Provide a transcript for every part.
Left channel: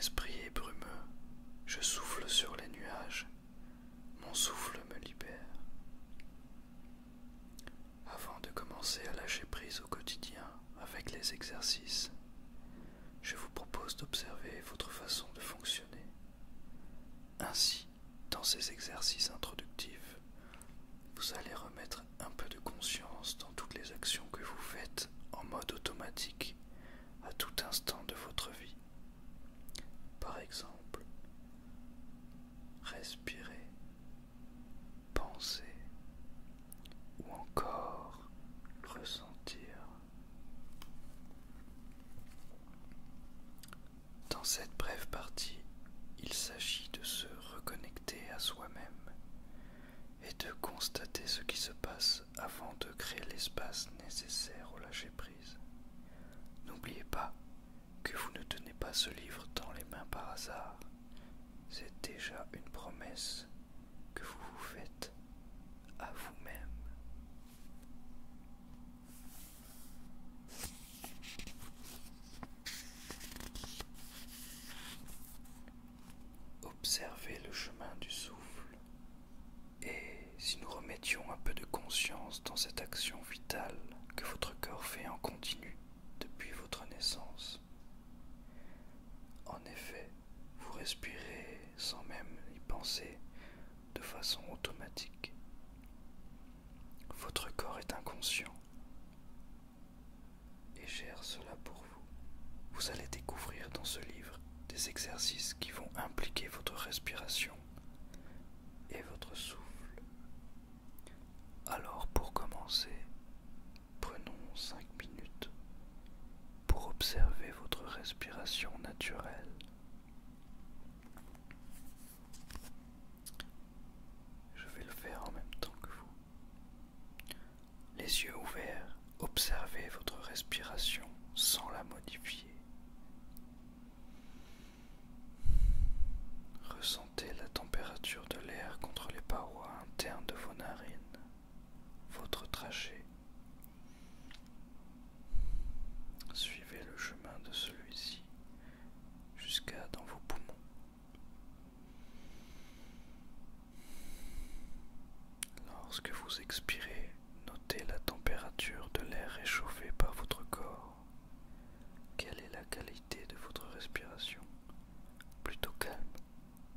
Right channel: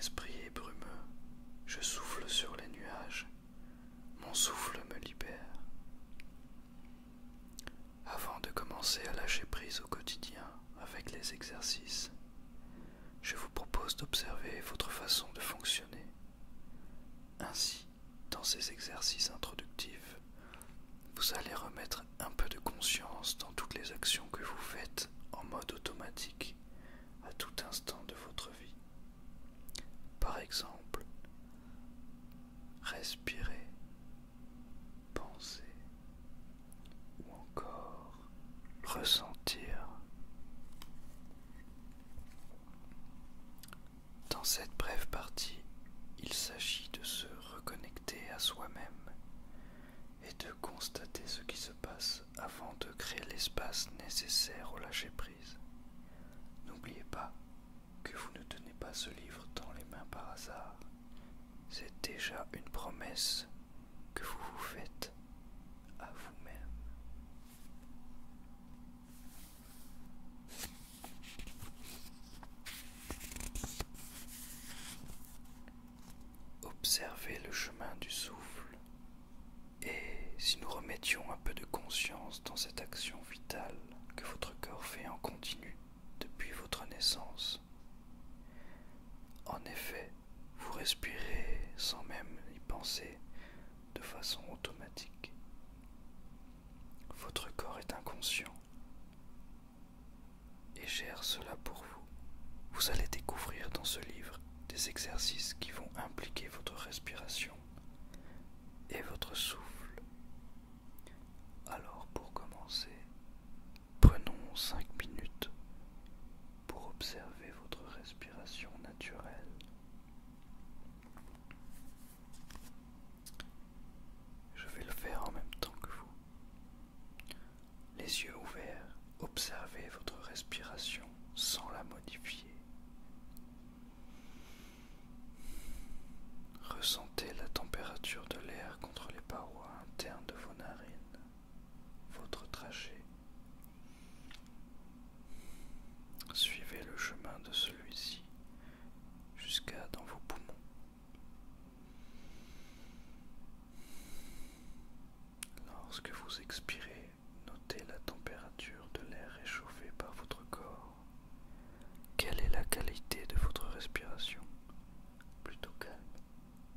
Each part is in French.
esprit est brumeux, je souffle sur les nuages, mon souffle me libère. Avant de commencer à lâcher prise au quotidien avec les exercices, je vous propose d'observer votre façon de fonctionner. Ainsi, dans ces exercices introductifs, vous allez remettre un peu de conscience dans toutes les actions que vous faites en mode automatique à tout instant de votre vie. Par exemple, respirer, penser ou encore ressentir. Dans cette brève partie, il s'agit de se reconnecter à soi-même et de constater ce qui se passe avant de créer l'espace nécessaire au lâcher-prise. N'oubliez pas que vous ne tenez pas ce livre dans les mains par hasard. C'est déjà une promesse que vous vous faites à vous-même. Observez le chemin du souffle. Et si nous remettions un peu de conscience dans cette action vitale que votre corps fait en continu depuis votre naissance. En effet, vous respirez sans même y penser de façon automatique. Votre corps est inconscient et gère cela pour vous. Vous allez découvrir dans ce livre des exercices qui vont impliquer votre respiration et votre souffle. Alors pour commencer, prenons 5 minutes pour observer votre respiration naturelle. Je vais le faire en même temps que vous. Les yeux ouverts, observez votre respiration sans la modifier. Ressentez la température de l'air contre les parois internes de vos narines, votre trachée. Suivez le chemin de celui-ci jusqu'à dans vos poumons. Lorsque vous expirez, notez la température de l'air réchauffé par votre corps. Quelle est la qualité de votre respiration? Plutôt calme,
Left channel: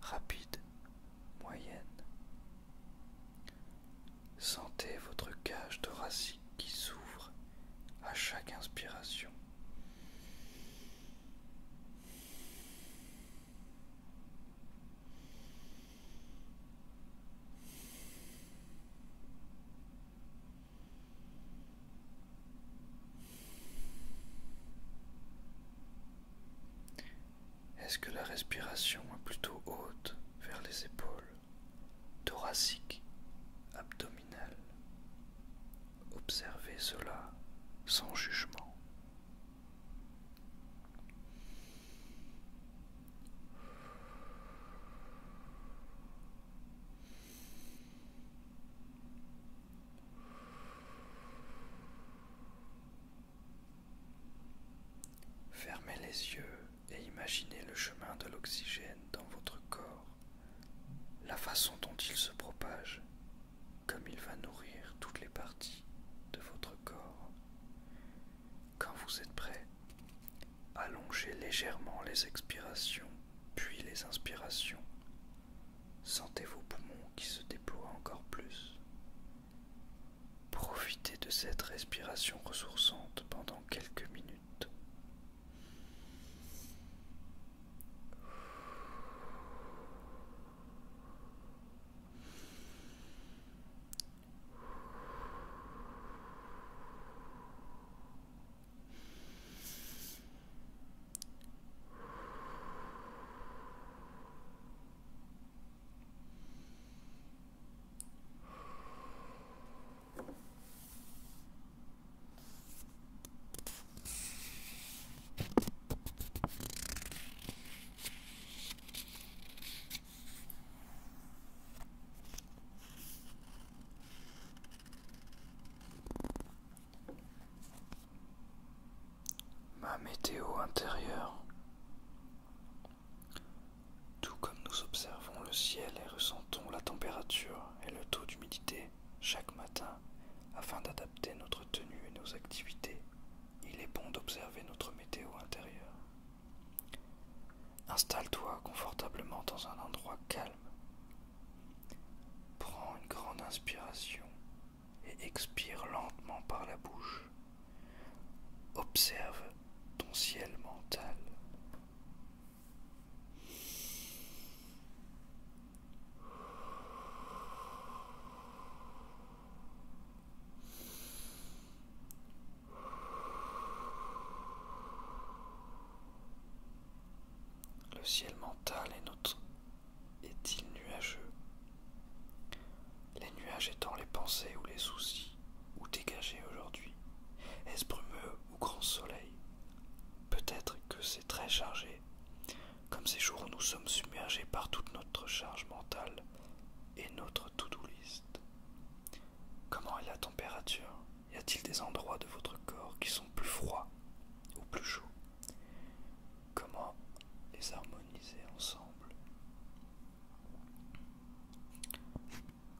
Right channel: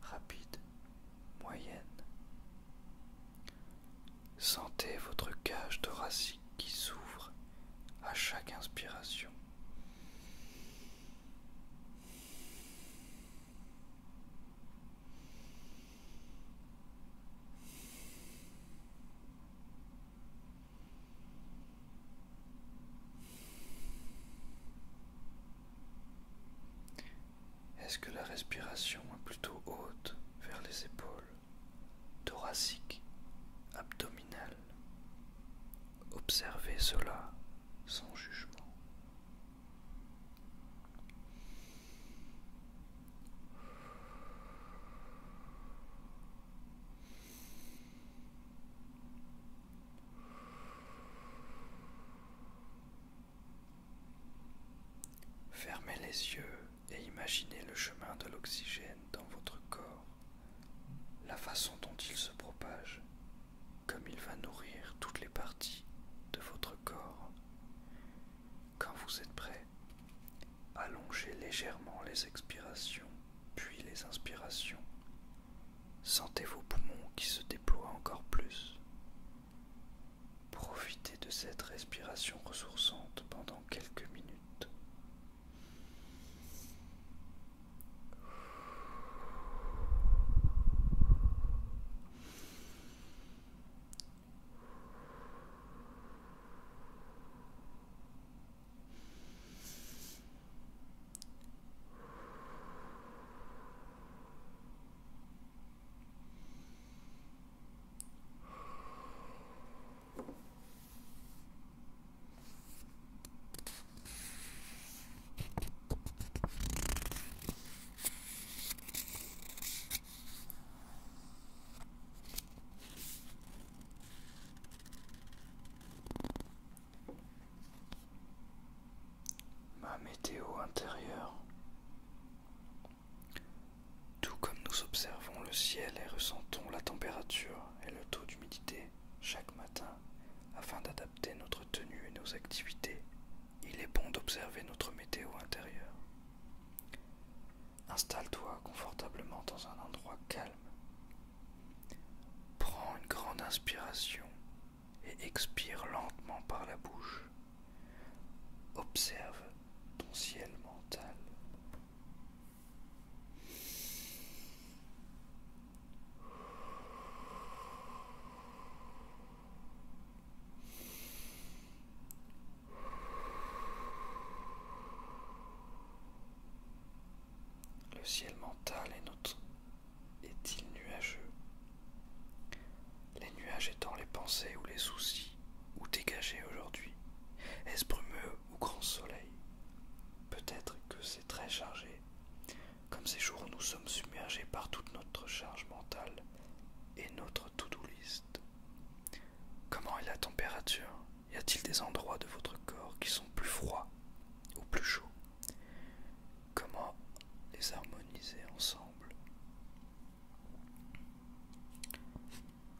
rapide, moyenne. Sentez votre cage thoracique qui s'ouvre à chaque inspiration. Est-ce que la respiration est plutôt haute vers les épaules, thoracique, abdominale? Observez cela sans jugement. Fermez les yeux et imaginez le chemin de l'oxygène dans votre corps, la façon dont il se propage, comme il va nourrir toutes les parties de votre corps. Quand vous êtes prêt, allongez légèrement les expirations, puis les inspirations. Sentez vos poumons qui se déploient encore plus. Profitez de cette respiration ressourçante pendant quelques minutes. Ma météo intérieure. ciel et ressentons la température et le taux d'humidité chaque matin afin d'adapter notre tenue et nos activités. Il est bon d'observer notre météo intérieure. Installe-toi confortablement dans un endroit calme. Prends une grande inspiration et expire lentement par la bouche. Observe ton ciel mental. Le ciel mental est-il nuageux? Les nuages étant les pensées ou les soucis, ou dégagés aujourd'hui. Est-ce brumeux ou grand soleil? Peut-être que c'est très chargé, comme ces jours où nous sommes submergés par toute notre charge mentale et notre to-do list. Comment est la température? Y a-t-il des endroits de votre corps qui sont plus froids ou plus chauds? Comment les harmoniser ensemble?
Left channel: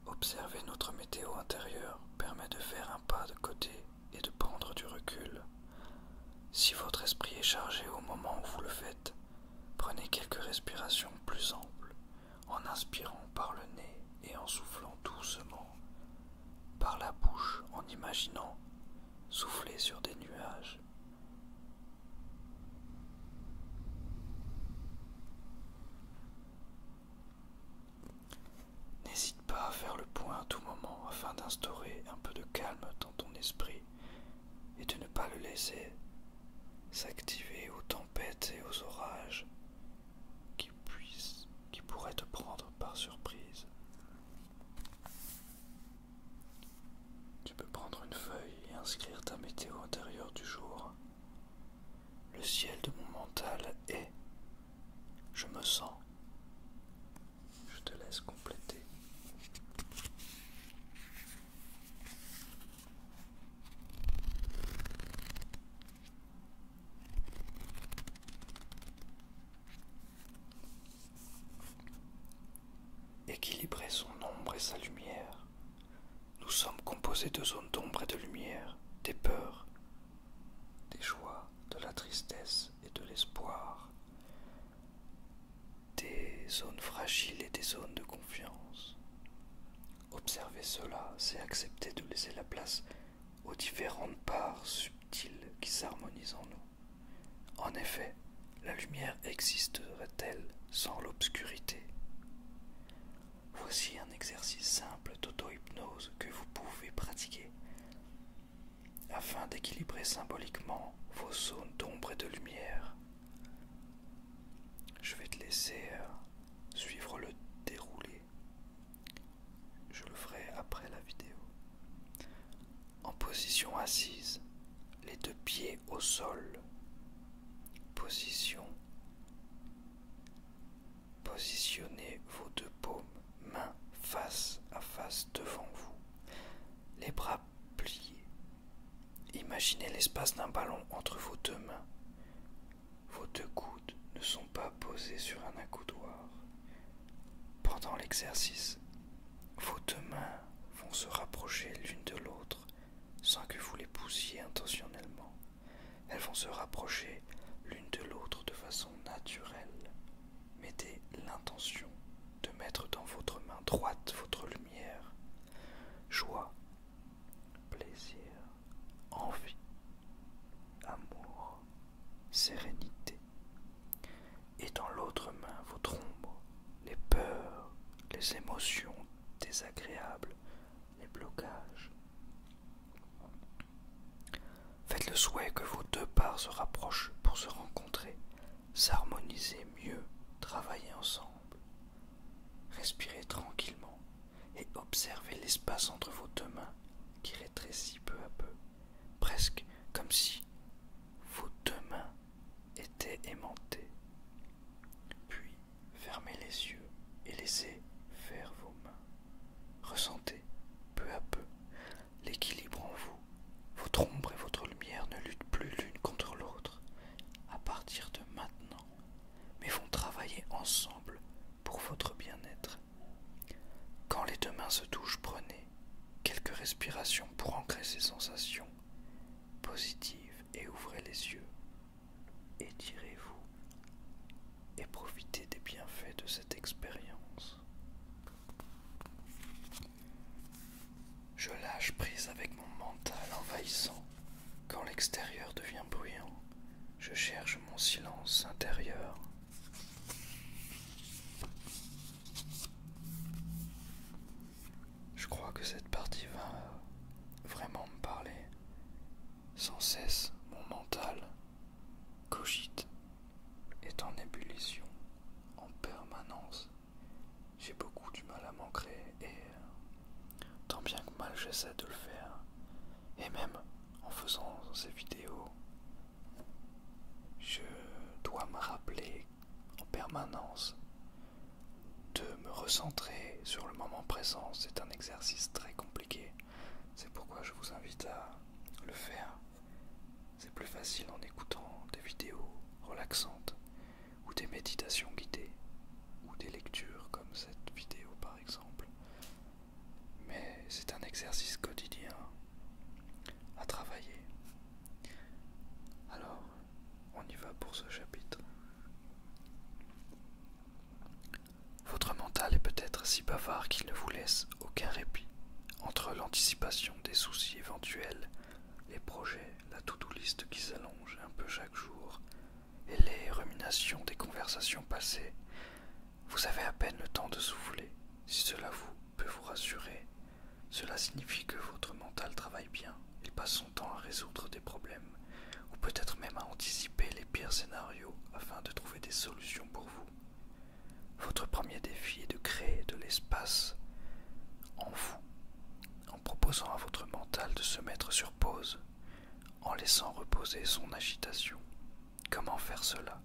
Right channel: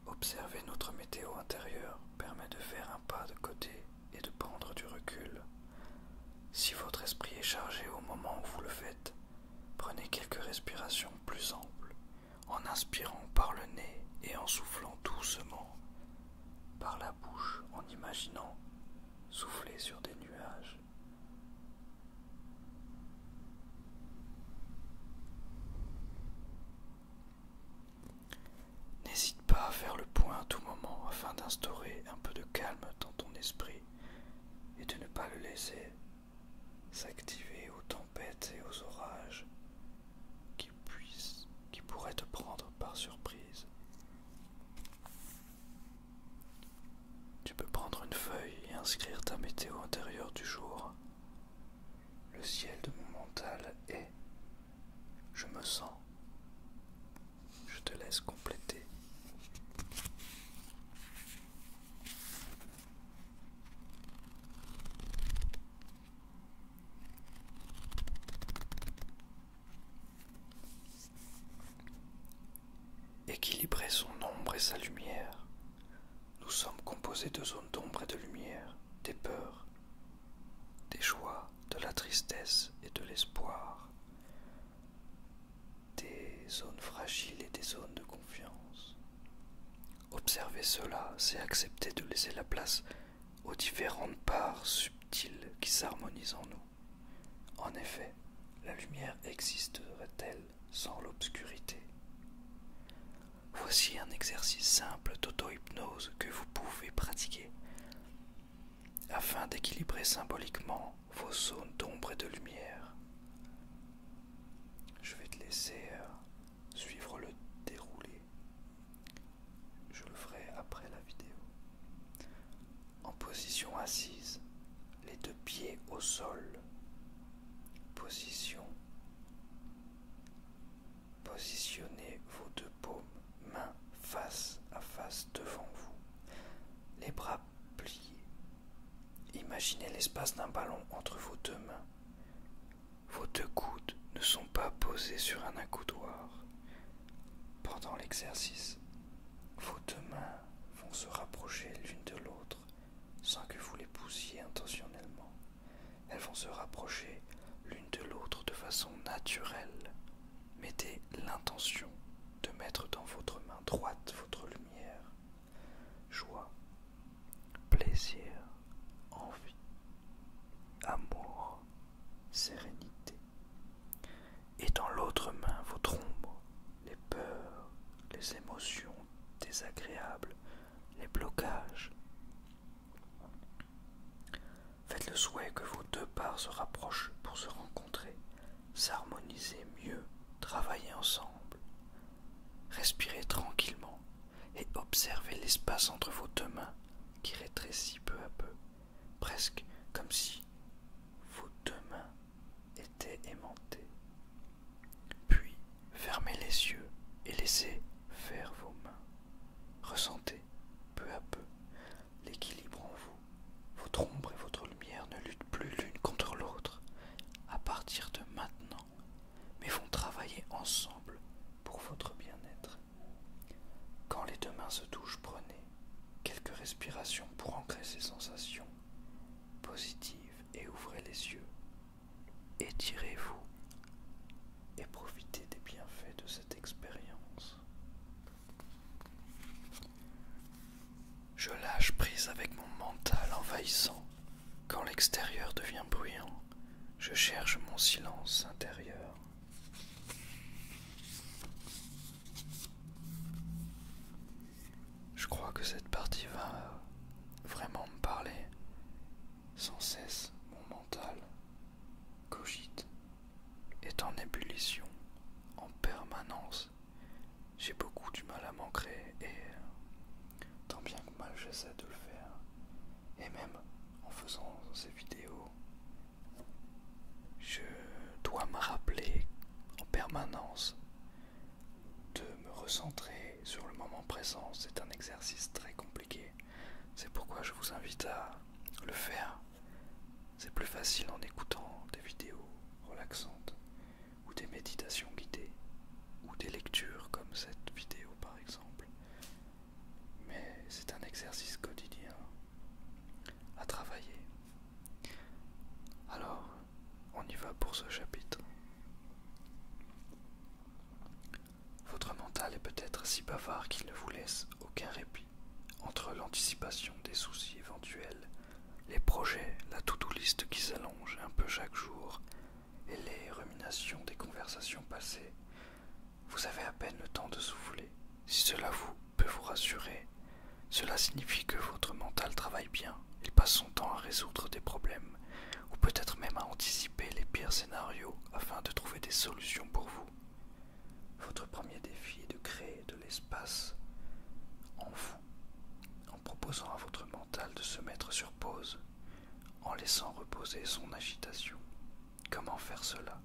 Observer notre météo intérieure permet de faire un pas de côté et de prendre du recul. Si votre esprit est chargé au moment où vous le faites, prenez quelques respirations plus amples, en inspirant par le nez et en soufflant doucement par la bouche, en imaginant souffler sur des nuages. N'hésite pas à faire le point à tout moment afin d'instaurer un peu de calme dans ton esprit et de ne pas le laisser s'activer aux tempêtes et aux orages qui pourraient te prendre par surprise. Tu peux prendre une feuille et inscrire ta météo intérieure du jour. Le ciel de mon mental est. Je me sens. Je te laisse compléter. Équilibrer son ombre et sa lumière. Nous sommes composés de zones d'ombre et de lumière, des peurs, des joies, de la tristesse et de l'espoir, des zones fragiles et des zones de confiance. Observer cela, c'est accepter de laisser la place aux différentes parts subtiles qui s'harmonisent en nous. En effet, la lumière existerait-elle sans l'obscurité? Voici un exercice simple d'auto-hypnose que vous pouvez pratiquer afin d'équilibrer symboliquement vos zones d'ombre et de lumière. Je vais te laisser suivre le déroulé. Je le ferai après la vidéo. En position assise, les deux pieds au sol. Positionnez vos deux paumes, mains face à face devant vous, les bras pliés. Imaginez l'espace d'un ballon entre vos deux mains. Vos deux coudes ne sont pas posés sur un accoudoir. Pendant l'exercice, vos deux mains vont se rapprocher l'une de l'autre sans que vous les poussiez intentionnellement. Elles vont se rapprocher l'une de l'autre de façon naturelle. Mettez l'intention de mettre dans votre main droite votre lumière, joie, plaisir, envie, amour, sérénité. Et dans l'autre main votre ombre, les peurs, les émotions désagréables, les blocages. Faites le souhait que vos deux parts se rapprochent pour se rencontrer, s'harmoniser mieux, travailler ensemble. Respirez tranquillement et observez l'espace entre vos deux mains qui rétrécit peu à peu, presque comme si vos deux mains étaient aimantées. Puis fermez les yeux et laissez faire vos mains. Ressentez peu à peu l'équilibre en vous. Votre ombre et votre lumière ne luttent plus l'une contre l'autre à partir de maintenant, mais vont travailler ensemble pour votre bien-être. positive et ouvrez les yeux. Étirez-vous et profitez des bienfaits de cette expérience. Je lâche prise avec mon mental envahissant. Quand l'extérieur devient bruyant, je cherche mon silence intérieur. Je crois que cette partie va vraiment me parler. Sans cesse, mon mental cogite, est en ébullition, en permanence. J'ai beaucoup du mal à m'ancrer et tant bien que mal j'essaie de le faire. Et même en faisant ces vidéos, je dois me rappeler en permanence de me recentrer sur le moment présent. C'est un exercice très compliqué. C'est pourquoi je vous invite à le faire. C'est plus facile en écoutant des vidéos relaxantes ou des méditations guidées ou des lectures comme cette vidéo par exemple. Mais c'est un exercice quotidien à travailler. Alors, on y va pour ce chapitre. Votre mental est peut-être si bavard qu'il ne vous laisse aucun répit. Entre l'anticipation des soucis éventuels, les projets, la to-do list qui s'allonge un peu chaque jour et les ruminations des conversations passées, vous avez à peine le temps de souffler. Si cela peut vous rassurer, cela signifie que votre mental travaille bien. Il passe son temps à résoudre des problèmes ou peut-être même à anticiper les pires scénarios afin de trouver des solutions pour vous. Votre premier défi est de créer de l'espace en vous, en proposant à votre mental de se mettre sur pause, en laissant reposer son agitation. Comment faire cela?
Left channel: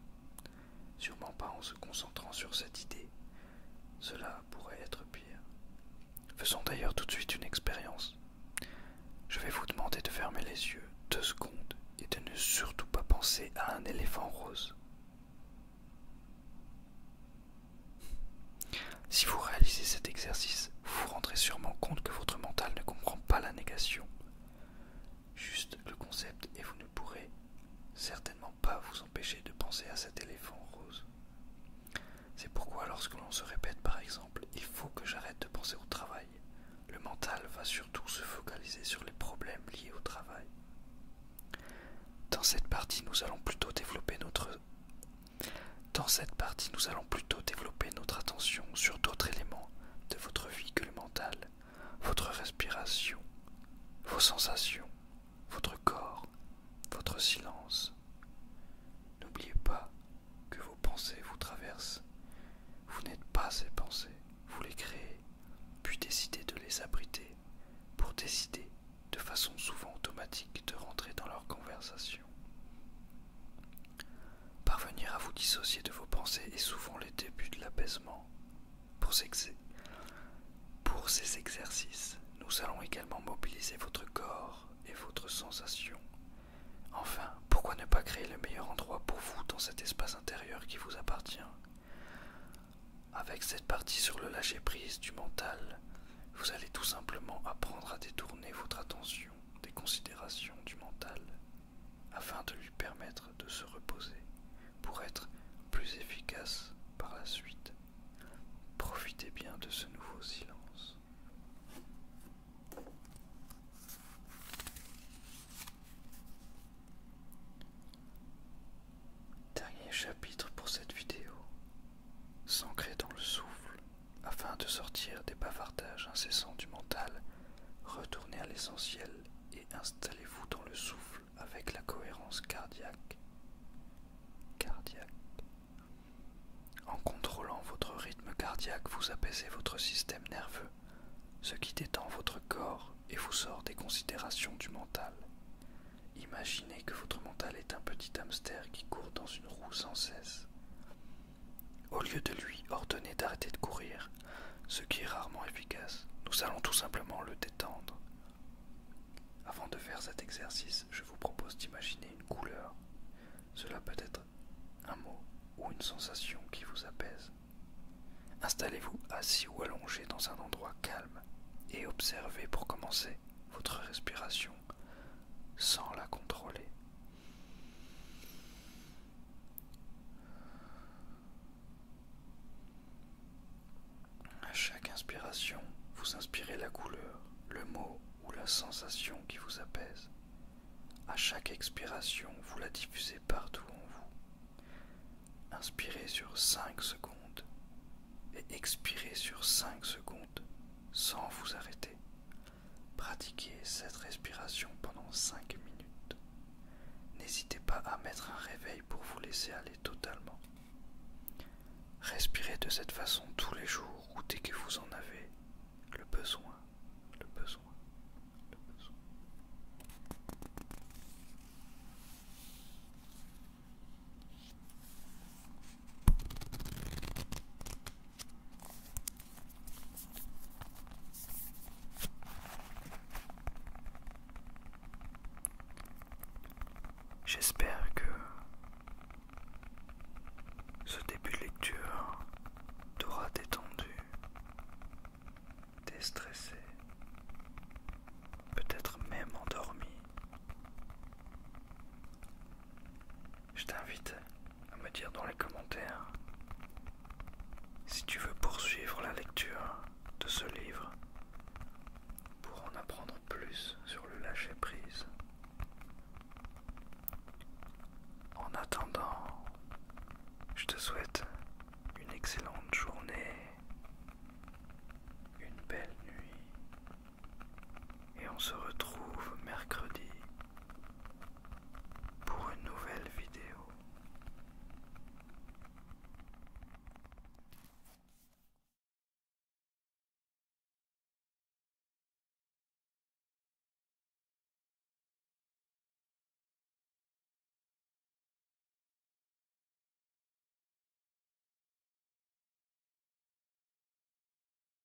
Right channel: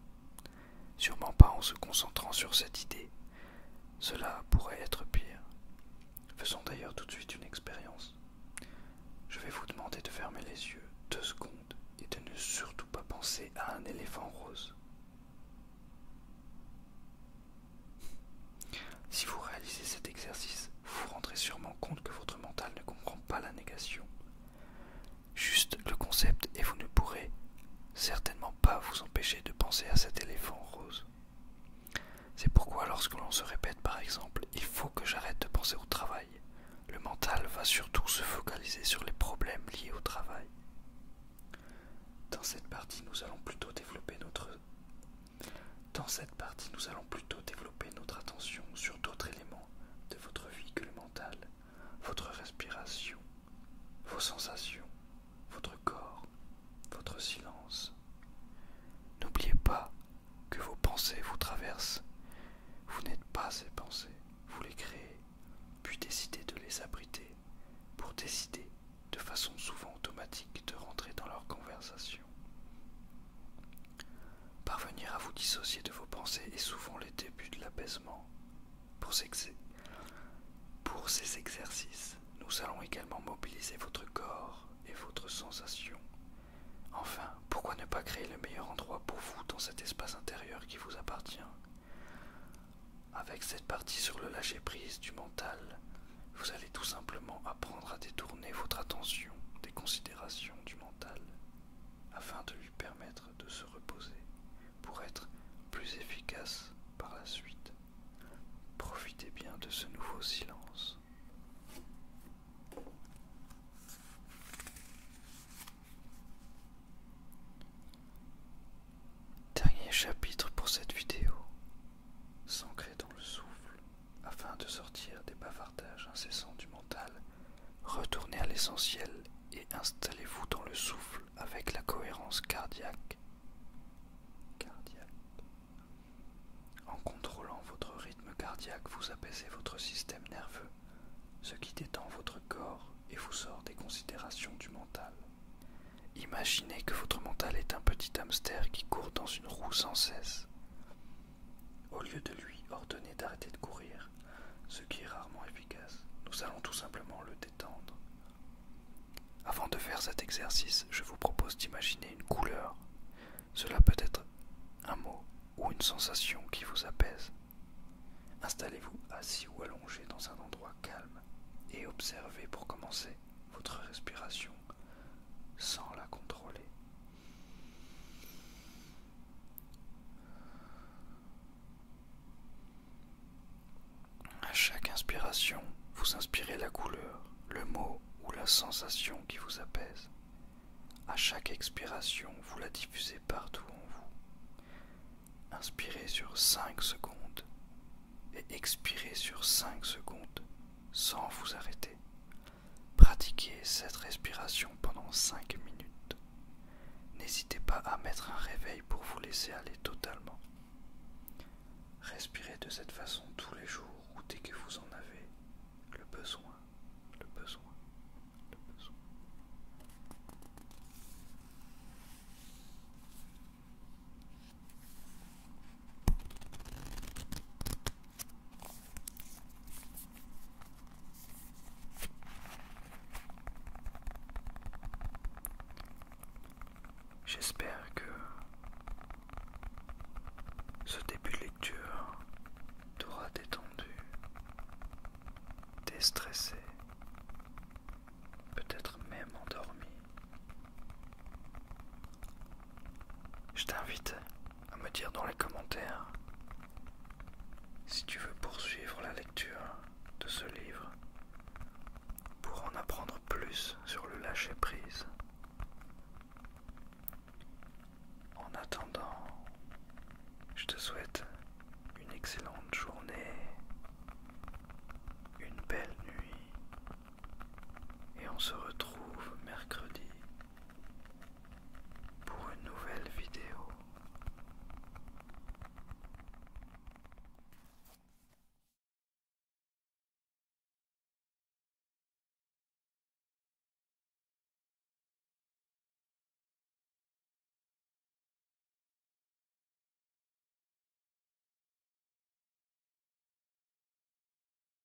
Sûrement pas en se concentrant sur cette idée. Cela pourrait être pire. Faisons d'ailleurs tout de suite une expérience. Je vais vous demander de fermer les yeux 2 secondes et de ne surtout pas penser à un éléphant rose. Si vous réalisez cet exercice, vous vous rendrez sûrement compte que votre mental ne comprend pas la négation. Juste le concept et vous ne pourrez certainement pas vous empêcher de penser à cet éléphant rose. C'est pourquoi lorsque l'on se répète par exemple « il faut que j'arrête de penser au travail », le mental va surtout se focaliser sur les problèmes liés au travail. Dans cette partie, nous allons plutôt développer notre attention sur d'autres éléments de votre vie que le mental, votre respiration, vos sensations, votre corps, votre silence. N'oubliez pas que vos pensées vous traversent. Vous n'êtes pas ces pensées, vous les créez, puis décidez de les abriter pour décider de façon souvent automatique de rentrer dans leur conversation. Parvenir à vous dissocier de vos pensées est souvent le début de l'apaisement. Pour ces exercices, nous allons également mobiliser votre corps et votre sensation. Enfin, pourquoi ne pas créer le meilleur endroit pour vous dans cet espace intérieur qui vous appartient? Avec cette partie sur le lâcher-prise du mental, vous allez tout simplement apprendre à détourner votre attention des considérations du mental afin de lui permettre de se reposer pour être plus efficace par la suite. Profitez bien de ce nouveau silence. Dernier chapitre pour cette vidéo. S'ancrer dans le souffle afin de sortir des bavardages incessants du mental. Retournez à l'essentiel et installez-vous dans le souffle avec la cohérence cardiaque. En contrôlant votre rythme cardiaque, vous apaisez votre système nerveux, ce qui détend votre corps et vous sort des considérations du mental. Imaginez que votre mental est un petit hamster qui court dans une roue sans cesse. Au lieu de lui ordonner d'arrêter de courir, ce qui est rarement efficace, nous allons tout simplement le détendre. Avant de faire cet exercice, je vous propose d'imaginer une couleur. Cela peut être un mot ou une sensation qui vous apaise. Installez-vous assis ou allongé dans un endroit calme et observez pour commencer votre respiration sans la contrôler. inspiration, vous inspirez la couleur, le mot ou la sensation qui vous apaise. À chaque expiration, vous la diffusez partout en vous. Inspirez sur 5 secondes et expirez sur 5 secondes sans vous arrêter. Pratiquez cette respiration pendant 5 minutes. N'hésitez pas à mettre un réveil pour vous laisser aller totalement. Respirez de cette façon tous les jours ou dès que vous en avez le besoin, le besoin, le besoin. J'espère que ce début de lecture t'aura détendu, déstressé, peut-être même endormi. Je t'invite à me dire dans les commentaires si tu veux poursuivre la lecture de ce livre pour en apprendre plus sur le lâcher-prise.